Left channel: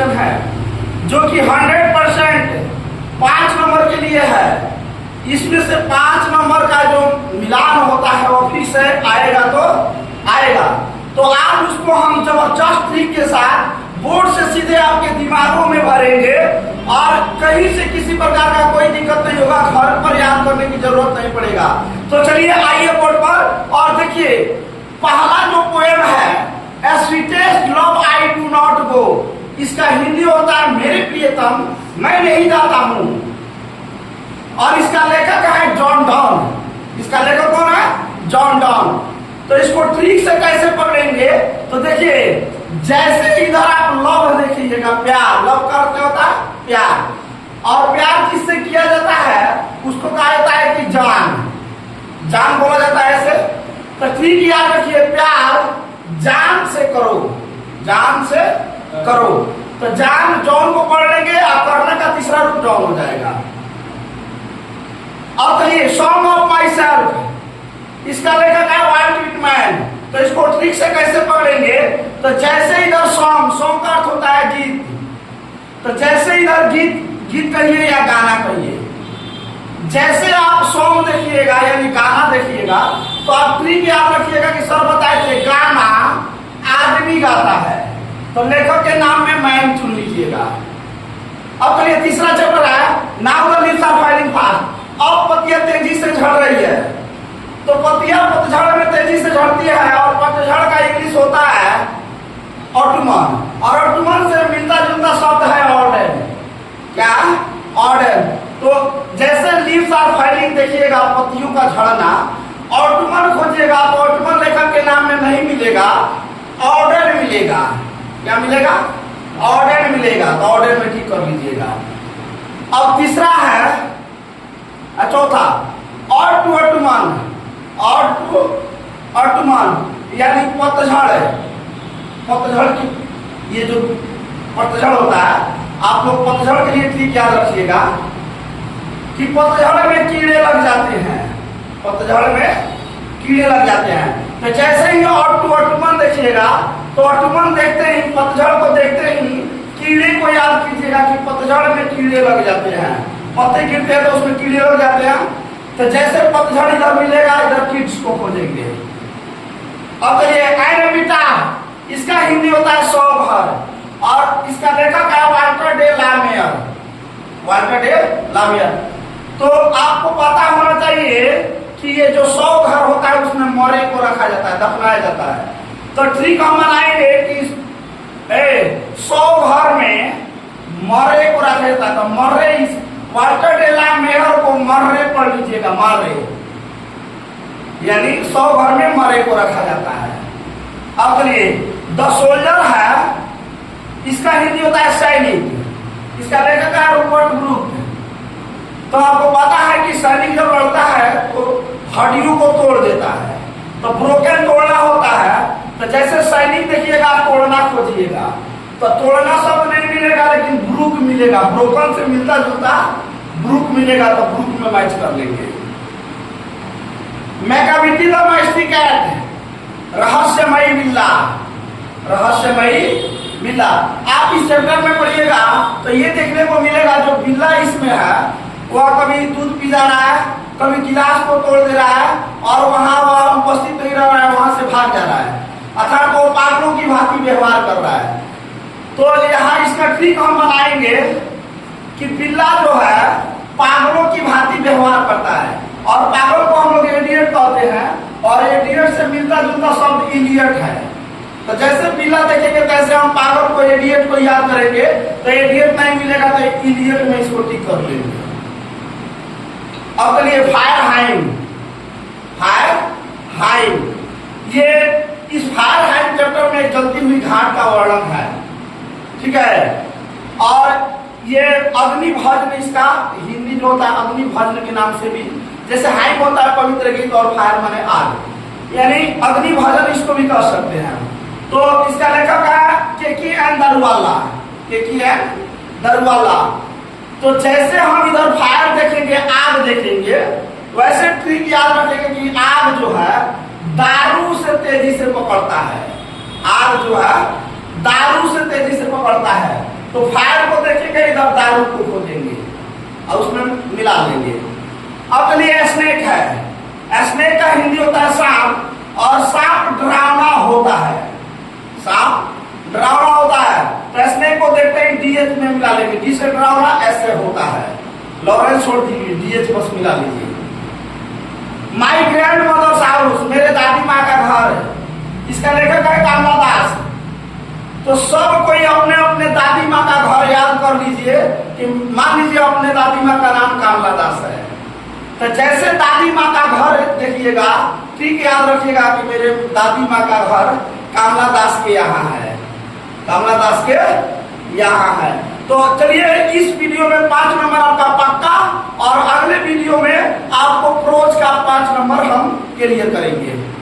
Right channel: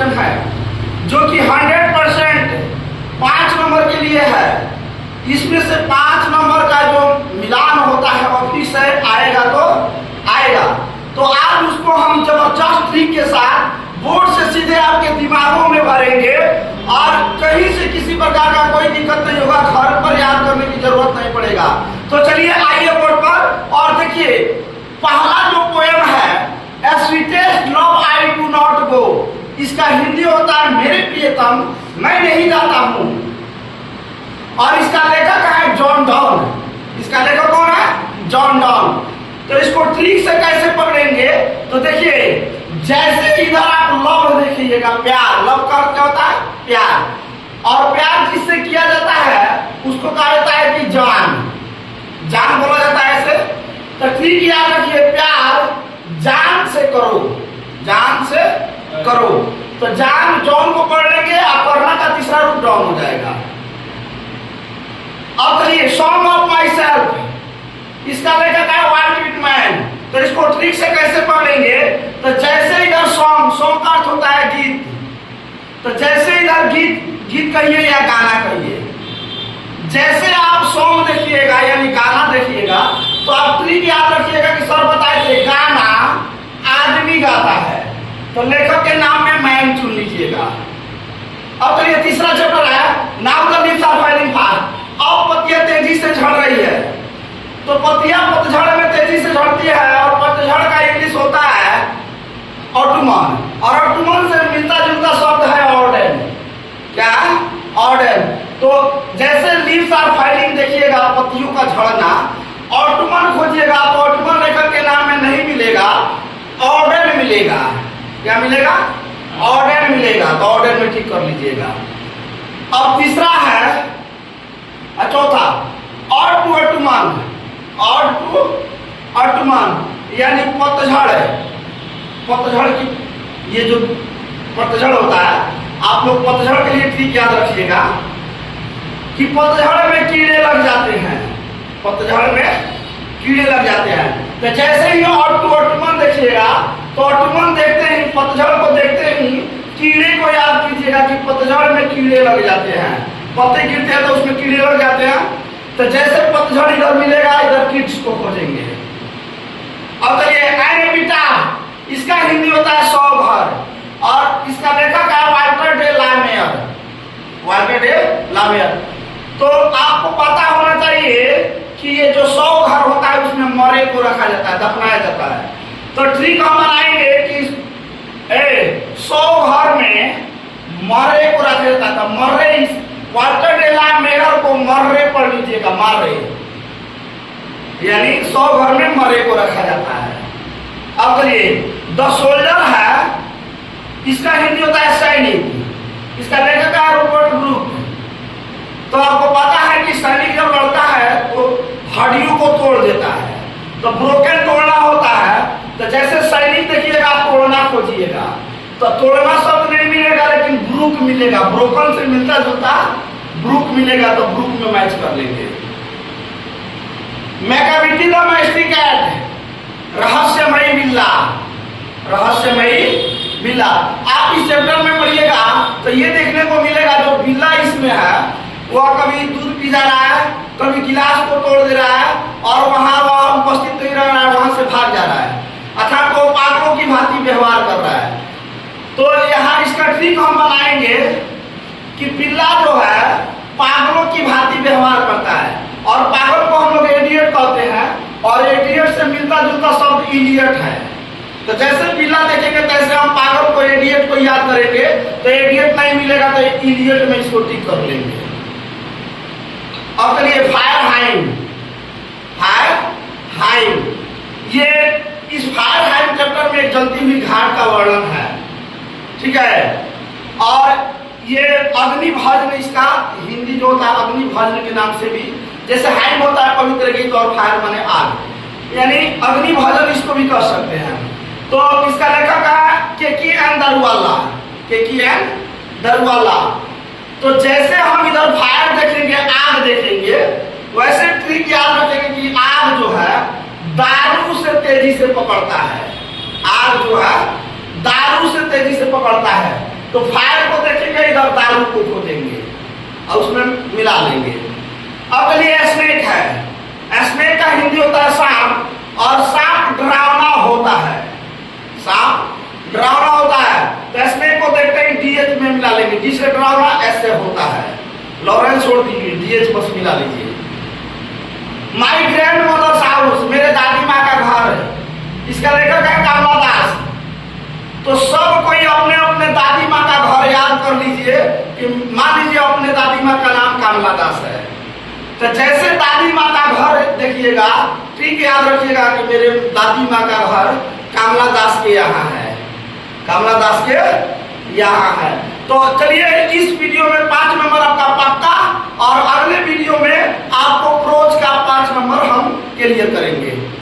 Question है जो कि 100% 5 नंबर के लिए है। इसमें से 5 नंबर का जो मिलान होता है वो फिर से आएगा तो आएगा। तो आज उसको हम जबरदस्त ट्रिक के साथ बोर्ड से सीधे आपके दिमागों में भरेंगे और कहीं से किसी प्रकार का कोई दिक्कत नहीं होगा, घर पर याद करने की जरूरत नहीं पड़ेगा। तो चलिए आइए बोर्ड पर और देखिए पहला जो पोएम है sweetest love I do not go, इसका हिंदी होता है मेरे प्रियतम मैं नहीं जाता हूं, और इसका लेखक है जॉन डॉन। इसका लेखक कौन है? John Donne. तो इसको ट्रिक से कैसे पकड़ेंगे? तो देखिए जैसे इधर आप लव देखिएगा, प्यार, लव का अर्थ क्या होता है? प्यार। और प्यार किससे किया जाता है? उसको कहा जाता है कि जान, जान बोला जाता है ऐसे। तो ट्रिक याद रखिए, प्यार जान से करो, जान से करो। तो जान जॉन को पढ़ लेंगे और करना का तीसरा रूप डॉन हो जाएगा। अब चलिए सॉन्ग ऑफ माई सेल्फ, इसका लेखक है वाल्ट विटमैन। तो इसको ट्रिक से कैसे पढ़ेंगे? तो जैसे इधर सॉन्ग, सॉन्ग का अर्थ होता है गीत, तो जैसे इधर गीत, गीत कहिए या गाना कहिए, जैसे आप सॉन्ग देखिएगा यानी गाना देखिएगा तो आप ट्रिक याद रखिएगा कि सर बताए थे गाना आदमी गाता है, तो लेखक के नाम में मैन चुन लीजिएगा। अब चलिए तीसरा चैप्टर है now the leaves are falling fast. अब पत्तियां तेजी से झड़ रही है, तो पत्तियां पतझड़ में तेजी से झड़ती है और पतझड़ का इंग्लिश होता है ऑटमन, और ऑटमन से मिलता जुलता शब्द है ऑर्डन। क्या? ऑर्डन। तो जैसे लीव्स आर फॉलिंग देखिएगा पत्तियों का झड़ना, ऑटमन खोजिएगा तो ऑटमन लेखक के नाम में नहीं मिलेगा, ऑर्डन मिलेगा। क्या मिलेगा? ऑर्डन मिलेगा। तो ऑर्डन में ठीक कर लीजिएगा। अब तीसरा है चौथा और टू अटुमान, और टू अटुमान यानी पतझड़। पतझड़ की ये जो पतझड़ होता है, आप लोग पतझड़ के लिए ट्रिक याद रखिएगा कि पतझड़ में कीड़े लग जाते हैं, पतझड़ में कीड़े लग जाते हैं। तो जैसे ही और टू अटुमान देखिएगा तो अटुमान देखते ही, पतझड़ को देखते ही कीड़े को याद कीजिएगा कि पतझड़ में कीड़े लग जाते हैं, पत्ते गिरते हैं तो उसमें कीड़े लग जाते हैं। तो जैसे पतझड़ इधर मिलेगा इधर किड्स को खोजेंगे। अब चलिए एनेबिटा, इसका हिंदी होता है सौ घर, और इसका लेखक है वाल्टर डे लामेयर, वाल्टर डे लामेयर। तो आपको पता होना चाहिए कि ये जो 100 घर होता है उसमें मरे को रखा जाता है, दफनाया जाता है। तो ट्रिक हम बनाएंगे कि 100 घर में मरे को रखा जाता है। तो मर्रे, वाल्टर डे लामेयर को मर्रे पढ़ लीजिएगा, मर्रे यानी 100 घर में मरे को रखा जाता है। अब ये द सोल्जर है, इसका हिंदी होता है सैनिक, इसका लेखक है रॉबर्ट ब्रूक। तो आपको पता है कि सैनिक जब लड़ता है तो हड्डियों को तोड़ देता है, तो ब्रोकन तोड़ना होता है। तो जैसे सैनिक देखिएगा आप तोड़ना खोजिएगा, तो तोड़ना शब्द नहीं मिलेगा लेकिन ब्रूक मिलेगा, ब्रोकन से मिलता जुलता ब्रूक मिलेगा, तो ब्रूक में मैच कर लेंगे। मैकाविटी द मैस्टिकेट, रहस्यमयी बिल्ला, रहस्यमयी बिल्ला। आप इस चैप्टर में पढ़िएगा तो ये देखने को मिलेगा जो बिल्ला इसमें है वह कभी दूध पी जा रहा है, कभी गिलास को तोड़ दे रहा है और वहां उपस्थित नहीं रह रहा है, वहां से भाग जा रहा है, अर्थात वो पागलों की भांति व्यवहार कर रहा है। तो यहाँ इसका ट्रिक हम बनाएंगे कि बिल्ला जो है पागलों की भांति व्यवहार करता है, और पागल को हम लोग एडियट कहते हैं, और एडियट से मिलता जुलता शब्द इडियट है। तो जैसे बिल्ला देखेंगे तैसे हम पागल को, एडियट को याद करेंगे, तो एडियट नहीं मिलेगा तो इडियट में इसको टिक कर लेंगे। अब चलिए फायर हाइम, फायर हाइम, ये इस फायर हाइम चैप्टर में जलती हुई घाट का वर्णन है, ठीक है। और ये अग्नि भजन, इसका हिंदी जो होता है अग्नि भजन के नाम से भी, जैसे हाइम होता है पवित्र गीत और फायर माने आग, यानी अग्नि भजन इसको भी कह सकते हैं। तो इसका लेखक है के.की.एन. दरवाला, के.की.एन. दरवाला। तो जैसे हम इधर फायर देखेंगे, आग देखेंगे, वैसे ट्रिक याद रखेंगे कि आग जो है दारू से तेजी से पकड़ता है, आग जो है दारू से तेजी से पकड़ता है। तो फायर को देखेंगे, इधर दारू को खोदेंगे और उसमें मिला लेंगे। अब चलिए स्नेक है। स्नेक का हिंदी होता है सांप, और सांप डरावना होता है। सांप डरावना होता है, तो स्नेक को देखते ही डीएच में मिला लेंगे। डी से डरावना, एस से होता है। लॉरेंस छोड़ दीजिए, डीएच बस मिला लीजिए। माई ग्रैंड मदर्स हाउस, मेरे दादी माँ का घर है। इसका लेखक है कमला दास। तो सब कोई अपने अपने दादी माँ का घर याद कर लीजिए कि मान लीजिए अपने दादी माँ का नाम कमला दास है, तो जैसे दादी माँ का घर देखिएगा, ठीक याद रखिएगा कि मेरे दादी माँ का घर कमला दास के यहाँ है, कमला दास के यहाँ है। तो चलिए इस वीडियो में 5 नंबर आपका पक्का, और अगले वीडियो में आपको प्रोज का 5 नंबर हम क्लियर करेंगे।